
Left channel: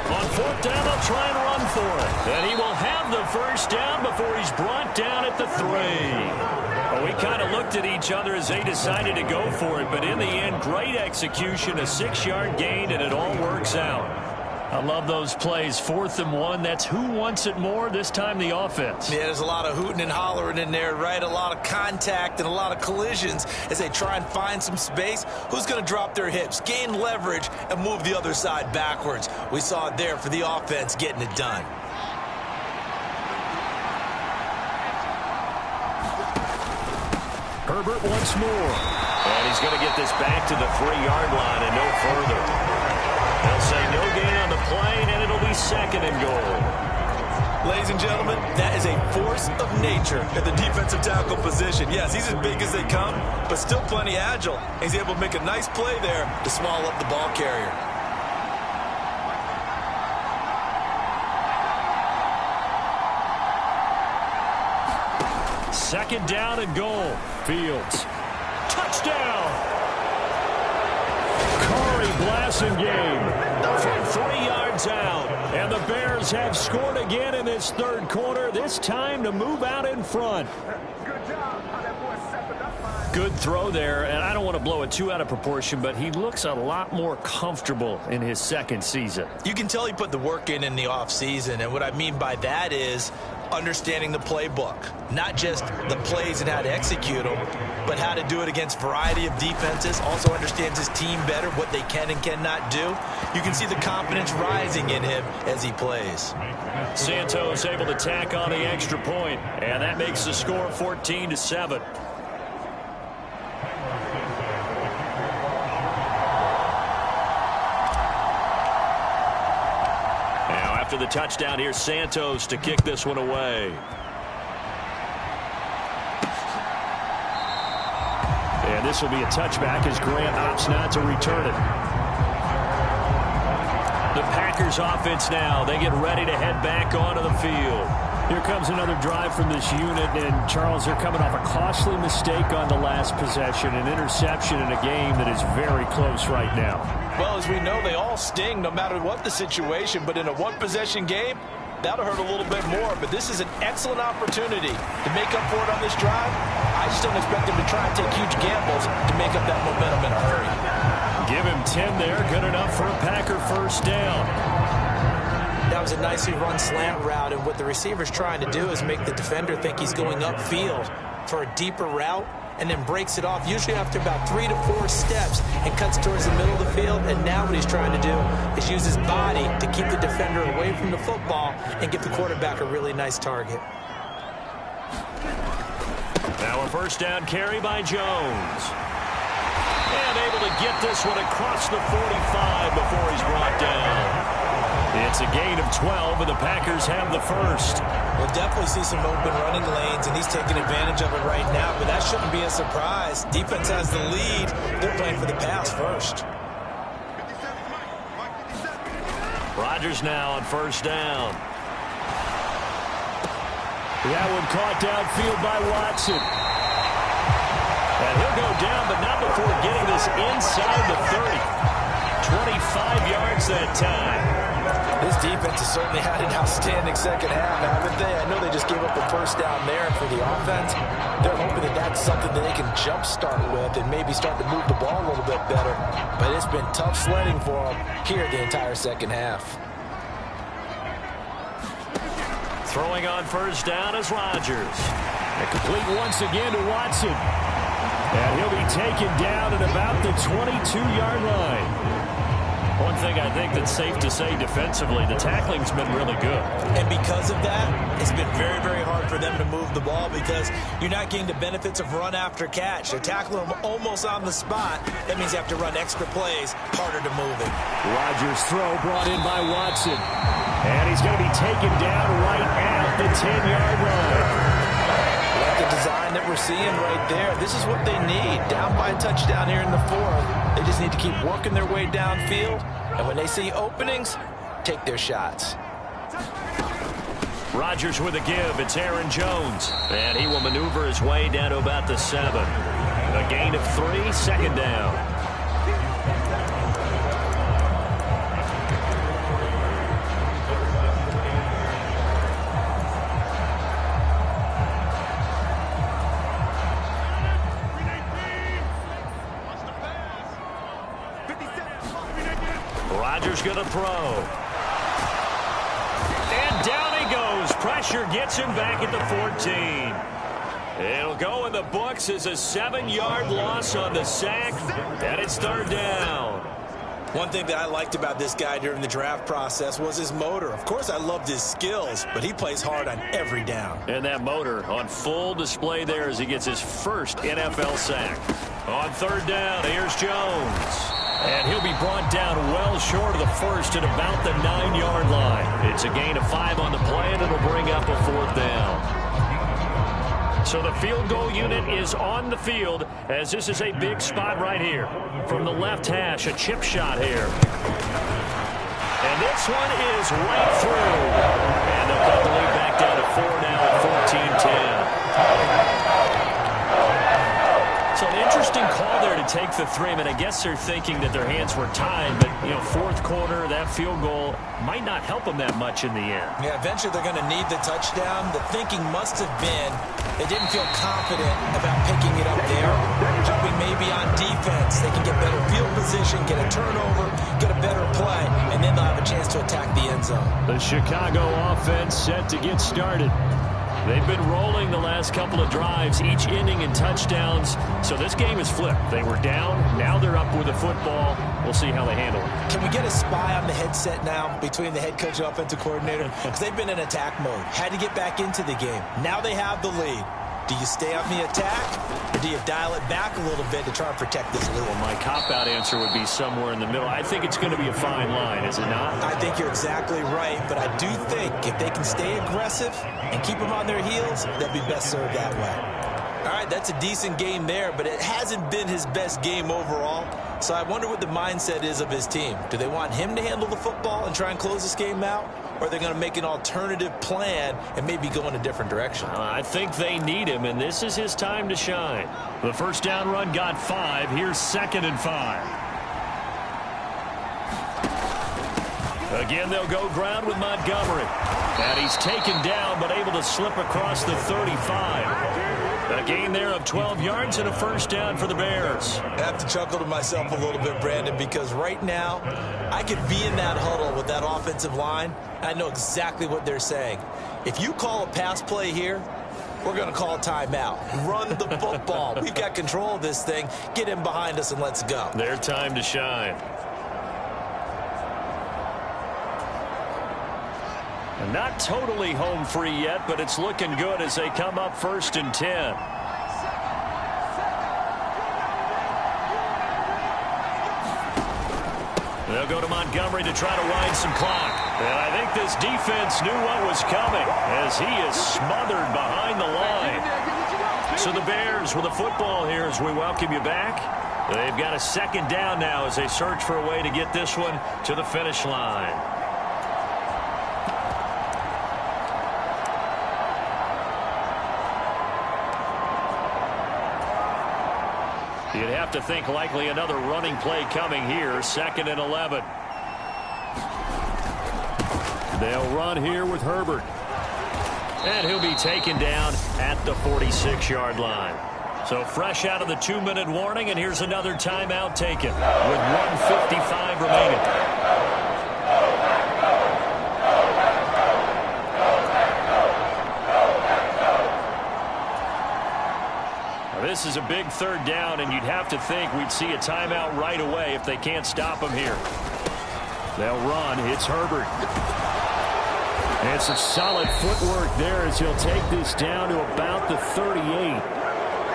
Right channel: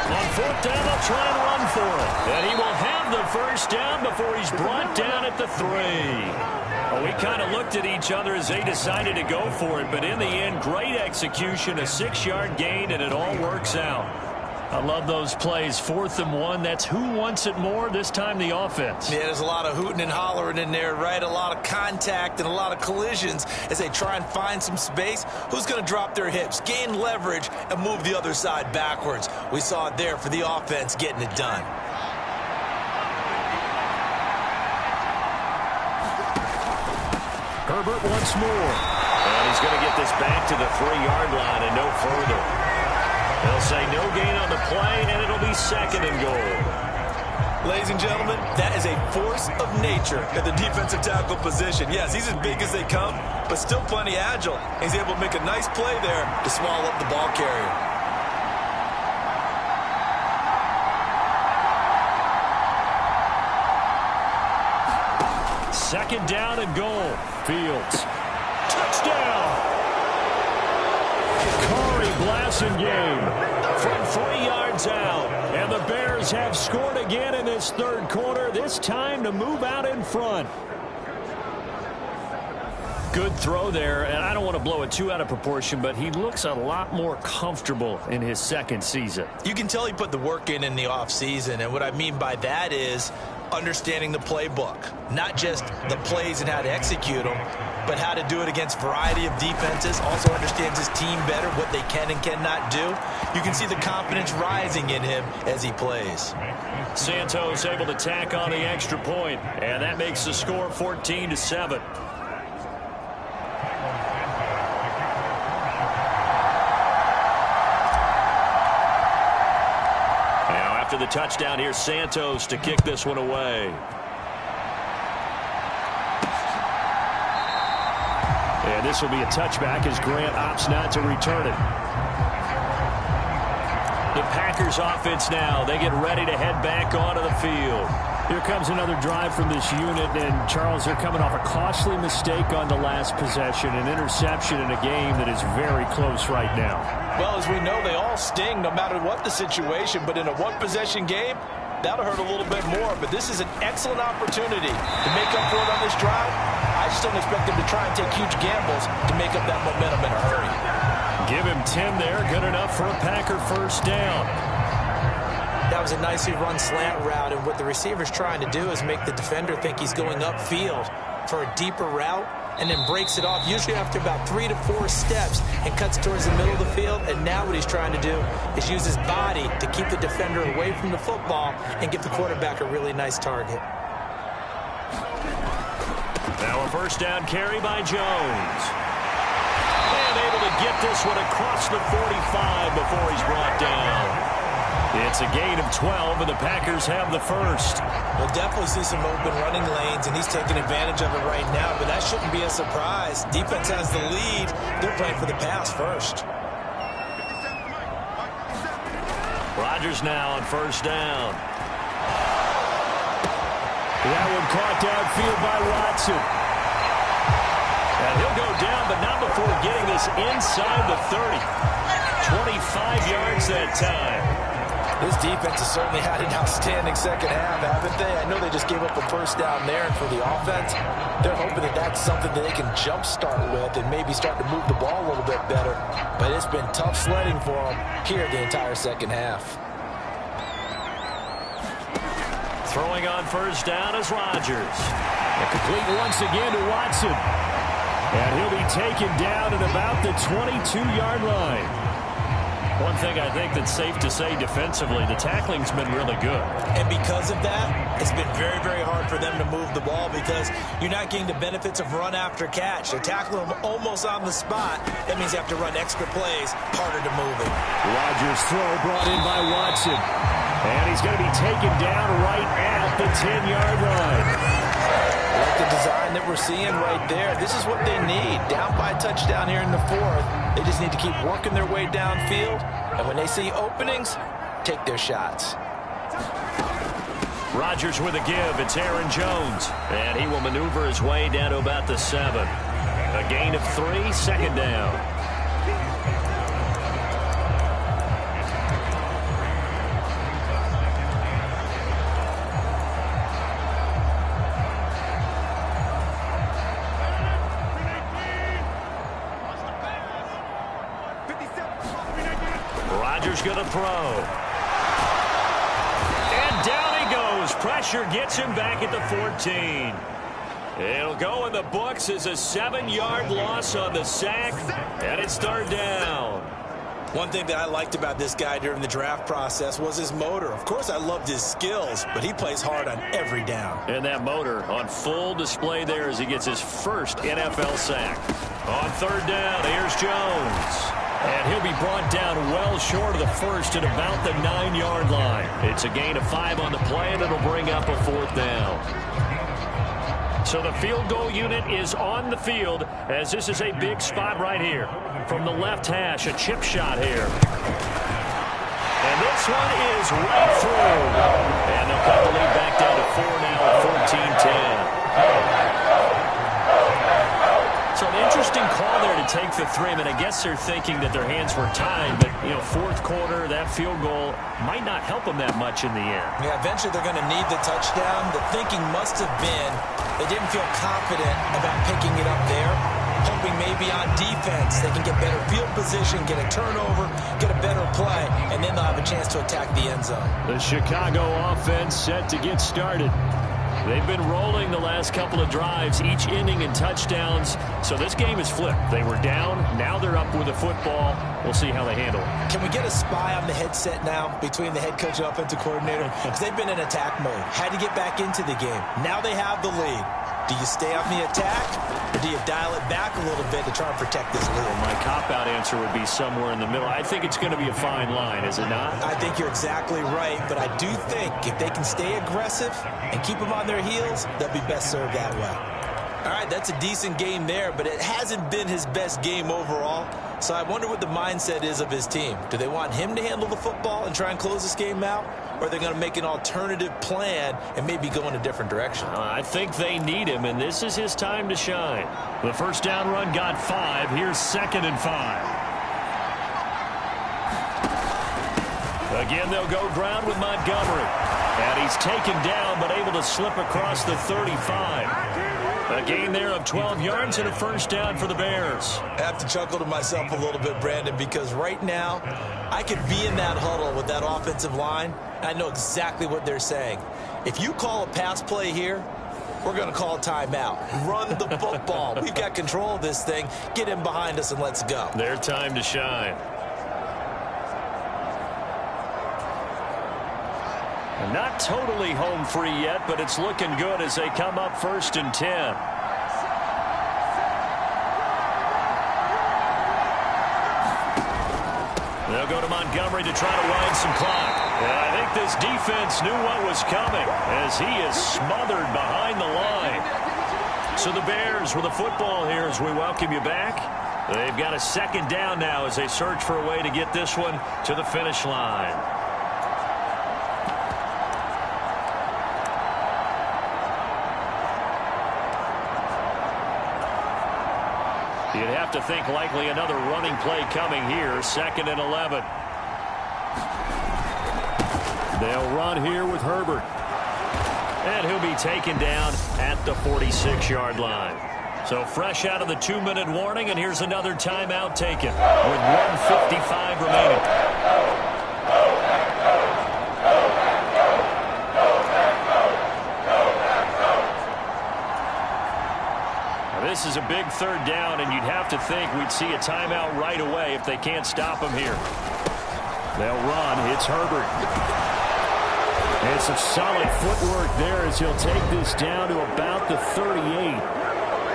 On 4th down, they'll try and run for it. And he will have the first down before he's brought down at the 3. Well, we kind of looked at each other as they decided to go for it, but in the end, great execution, a 6-yard gain, and it all works out. I love those plays. 4th and 1. That's who wants it more, this time the offense. Yeah, there's a lot of hooting and hollering in there, right? A lot of contact and a lot of collisions as they try and find some space. Who's going to drop their hips, gain leverage, and move the other side backwards? We saw it there for the offense getting it done. Herbert once more. And he's going to get this back to the 3-yard line and no further. They'll say no gain on the play, and it'll be 2nd and goal. Ladies and gentlemen, that is a force of nature at the defensive tackle position. Yes, he's as big as they come, but still plenty agile. He's able to make a nice play there to swallow up the ball carrier. Second down and goal. Fields. Touchdown! Blasingame from 3 yards out. And the Bears have scored again in this 3rd quarter, this time to move out in front. Good throw there, and I don't want to blow it too out of proportion, but he looks a lot more comfortable in his 2nd season. You can tell he put the work in the offseason, and what I mean by that is understanding the playbook. Not just the plays and how to execute them, but how to do it against a variety of defenses. Also understands his team better, what they can and cannot do. You can see the confidence rising in him as he plays. Santos able to tack on the extra point, and that makes the score 14-7. Now after the touchdown, here's Santos to kick this one away. And this will be a touchback as Grant opts not to return it. The Packers offense now. They get ready to head back onto the field. Here comes another drive from this unit, and Charles, they're coming off a costly mistake on the last possession, an interception in a game that is very close right now. Well, as we know, they all sting no matter what the situation, but in a one-possession game, that'll hurt a little bit more. But this is an excellent opportunity to make up for it on this drive. I just don't expect them to try and take huge gambles to make up that momentum in a hurry. Give him 10 there, good enough for a Packer first down. That was a nicely run slant route, and what the receiver's trying to do is make the defender think he's going upfield for a deeper route, and then breaks it off, usually after about 3 to 4 steps, and cuts towards the middle of the field. And now what he's trying to do is use his body to keep the defender away from the football and give the quarterback a really nice target. Now a first down carry by Jones. And able to get this one across the 45 before he's brought down. It's a gain of 12, and the Packers have the first. We'll definitely see some open running lanes, and he's taking advantage of it right now, but that shouldn't be a surprise. Defense has the lead. They're playing for the pass first. Rodgers now on first down. That one caught downfield by Watson. And he'll go down, but not before getting this inside the 30. 25 yards that time. This defense has certainly had an outstanding second half, haven't they? I know they just gave up a first down there, and for the offense, they're hoping that that's something that they can jumpstart with and maybe start to move the ball a little bit better. But it's been tough sledding for them here the entire second half. Throwing on first down is Rodgers. And complete once again to Watson. And he'll be taken down at about the 22-yard line. One thing I think that's safe to say defensively, the tackling's been really good. And because of that, it's been very, very hard for them to move the ball because you're not getting the benefits of run after catch. They're tackling them almost on the spot. That means you have to run extra plays, harder to move it. Rodgers' throw brought in by Watson. And he's going to be taken down right at the 10-yard line. Like the design that we're seeing right there, this is what they need. Down by a touchdown here in the 4th. They just need to keep working their way downfield. And when they see openings, take their shots. Rodgers with a give. It's Aaron Jones. And he will maneuver his way down to about the 7. A gain of 3, second down. Rodgers going to throw. Chicago's pressure gets him back at the 14. It'll go in the books as a 7-yard loss on the sack, and it's third down. One thing that I liked about this guy during the draft process was his motor. Of course, I loved his skills, but he plays hard on every down. And that motor on full display there as he gets his first NFL sack. On third down, here's Jones. And he'll be brought down well short of the first at about the 9-yard line. It's a gain of 5 on the play, and it'll bring up a fourth down. So the field goal unit is on the field as this is a big spot right here. From the left hash, a chip shot here. And this one is right through. And they'll cut the lead back down to 4 now at 14-10. So an interesting call there to take the 3. I mean, I guess they're thinking that their hands were tied, but, you know, fourth quarter, that field goal might not help them that much in the end. Yeah, eventually they're going to need the touchdown. The thinking must have been they didn't feel confident about picking it up there, hoping maybe on defense they can get better field position, get a turnover, get a better play, and then they'll have a chance to attack the end zone. The Chicago offense set to get started. They've been rolling the last couple of drives, each ending in touchdowns. So this game is flipped. They were down. Now they're up with the football. We'll see how they handle it. Can we get a spy on the headset now between the head coach and offensive coordinator? Because they've been in attack mode. Had to get back into the game. Now they have the lead. Do you stay on the attack, or do you dial it back a little bit to try and protect this lead? Well, my cop-out answer would be somewhere in the middle. I think it's going to be a fine line, is it not? I think you're exactly right, but I do think if they can stay aggressive and keep them on their heels, they'll be best served that way. All right, that's a decent game there, but it hasn't been his best game overall. So I wonder what the mindset is of his team. Do they want him to handle the football and try and close this game out? Or are they going to make an alternative plan and maybe go in a different direction? I think they need him, and this is his time to shine. The first down run got 5. Here's 2nd and 5. Again, they'll go ground with Montgomery. And he's taken down, but able to slip across the 35. A gain there of 12 yards and a first down for the Bears. I have to chuckle to myself a little bit, Brandon, because right now I could be in that huddle with that offensive line. I know exactly what they're saying. If you call a pass play here, we're going to call a timeout. Run the football. We've got control of this thing. Get in behind us and let's go. Their time to shine. And not totally home free yet, but it's looking good as they come up 1st and 10. They'll go to Montgomery to try to wind some clock. And I think this defense knew what was coming as he is smothered behind the line. So the Bears with the football here as we welcome you back. They've got a 2nd down now as they search for a way to get this one to the finish line. You'd have to think likely another running play coming here. 2nd and 11. They'll run here with Herbert. And he'll be taken down at the 46-yard line. So fresh out of the 2-minute warning, and here's another timeout taken with 1:55 remaining. This is a big 3rd down, and you'd have to think we'd see a timeout right away if they can't stop him here. They'll run. It's Herbert. And some solid footwork there as he'll take this down to about the 38.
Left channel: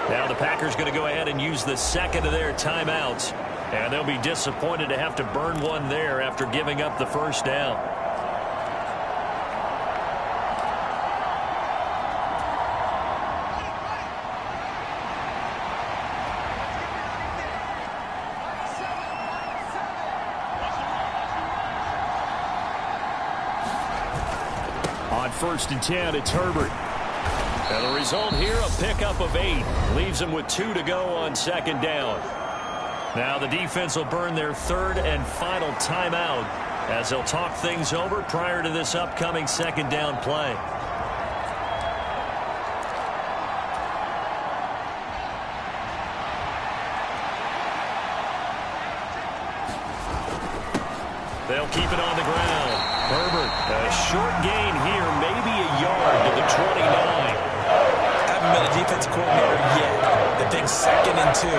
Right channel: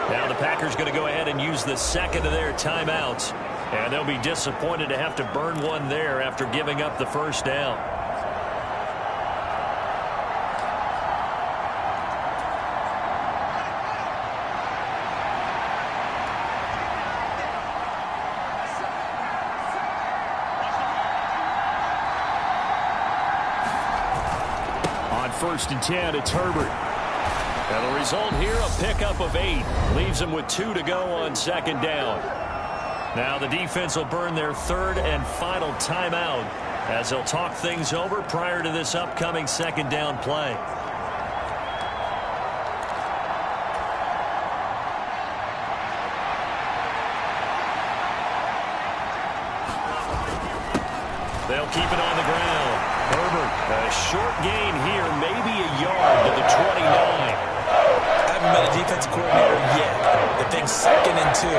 Now the Packers going to go ahead and use the 2nd of their timeouts, and they'll be disappointed to have to burn one there after giving up the 1st down. On 1st and 10, it's Herbert. And the result here, a pickup of 8. Leaves them with 2 to go on 2nd down. Now the defense will burn their 3rd and final timeout as they'll talk things over prior to this upcoming 2nd down play. They'll keep it on the ground. Herbert, a short gain here, maybe a yard to the 29. I haven't been a defensive coordinator yet. The thing 2nd and 2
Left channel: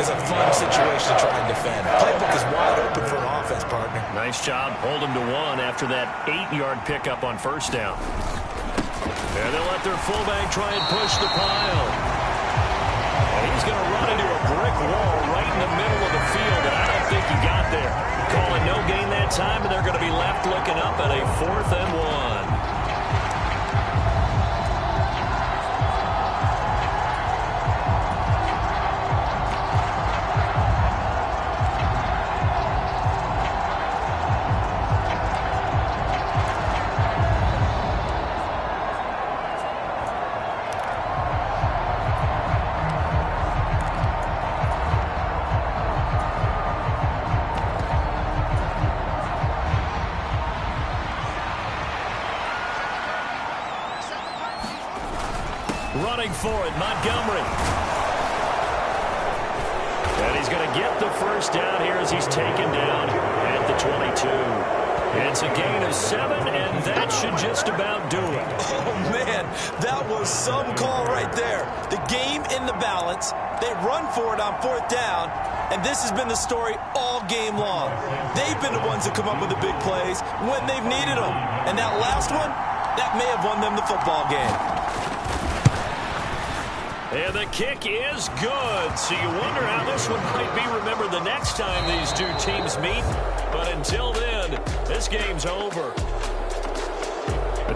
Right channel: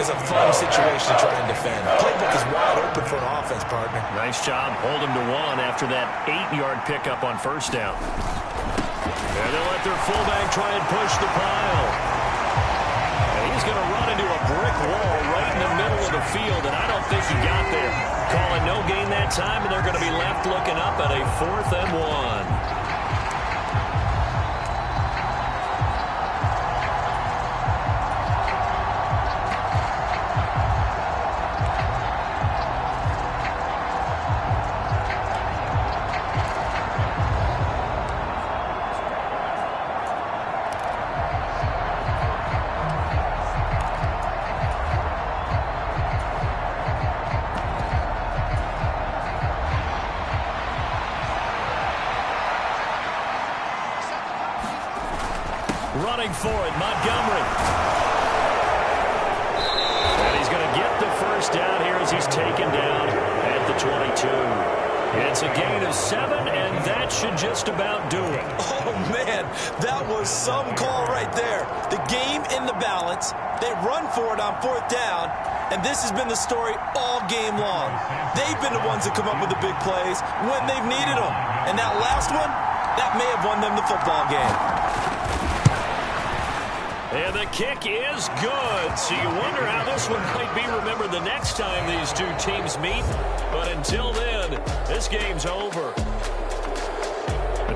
is a fun situation to try and defend. Playbook is wide open for an offense, partner. Nice job. Hold him to 1 after that 8-yard pickup on first down. And they'll let their fullback try and push the pile. And he's going to run into a brick wall right in the middle of the field, and I don't think he got there. Calling no gain that time, and they're going to be left looking up at a 4th and 1. Running for it, Montgomery. And he's going to get the first down here as he's taken down at the 22. It's a gain of 7, and that should just about do it. Oh, man, that was some call right there. The game in the balance. They run for it on 4th down, and this has been the story all game long. They've been the ones that come up with the big plays when they've needed them. And that last one, that may have won them the football game. And the kick is good. So you wonder how this one might be remembered the next time these two teams meet. But until then, this game's over.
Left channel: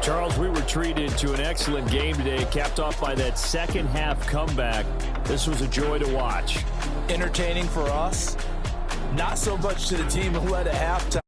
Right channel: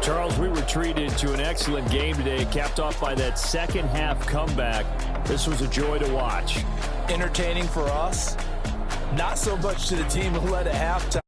Charles, we were treated to an excellent game today, capped off by that second-half comeback. This was a joy to watch. Entertaining for us. Not so much to the team who led at halftime.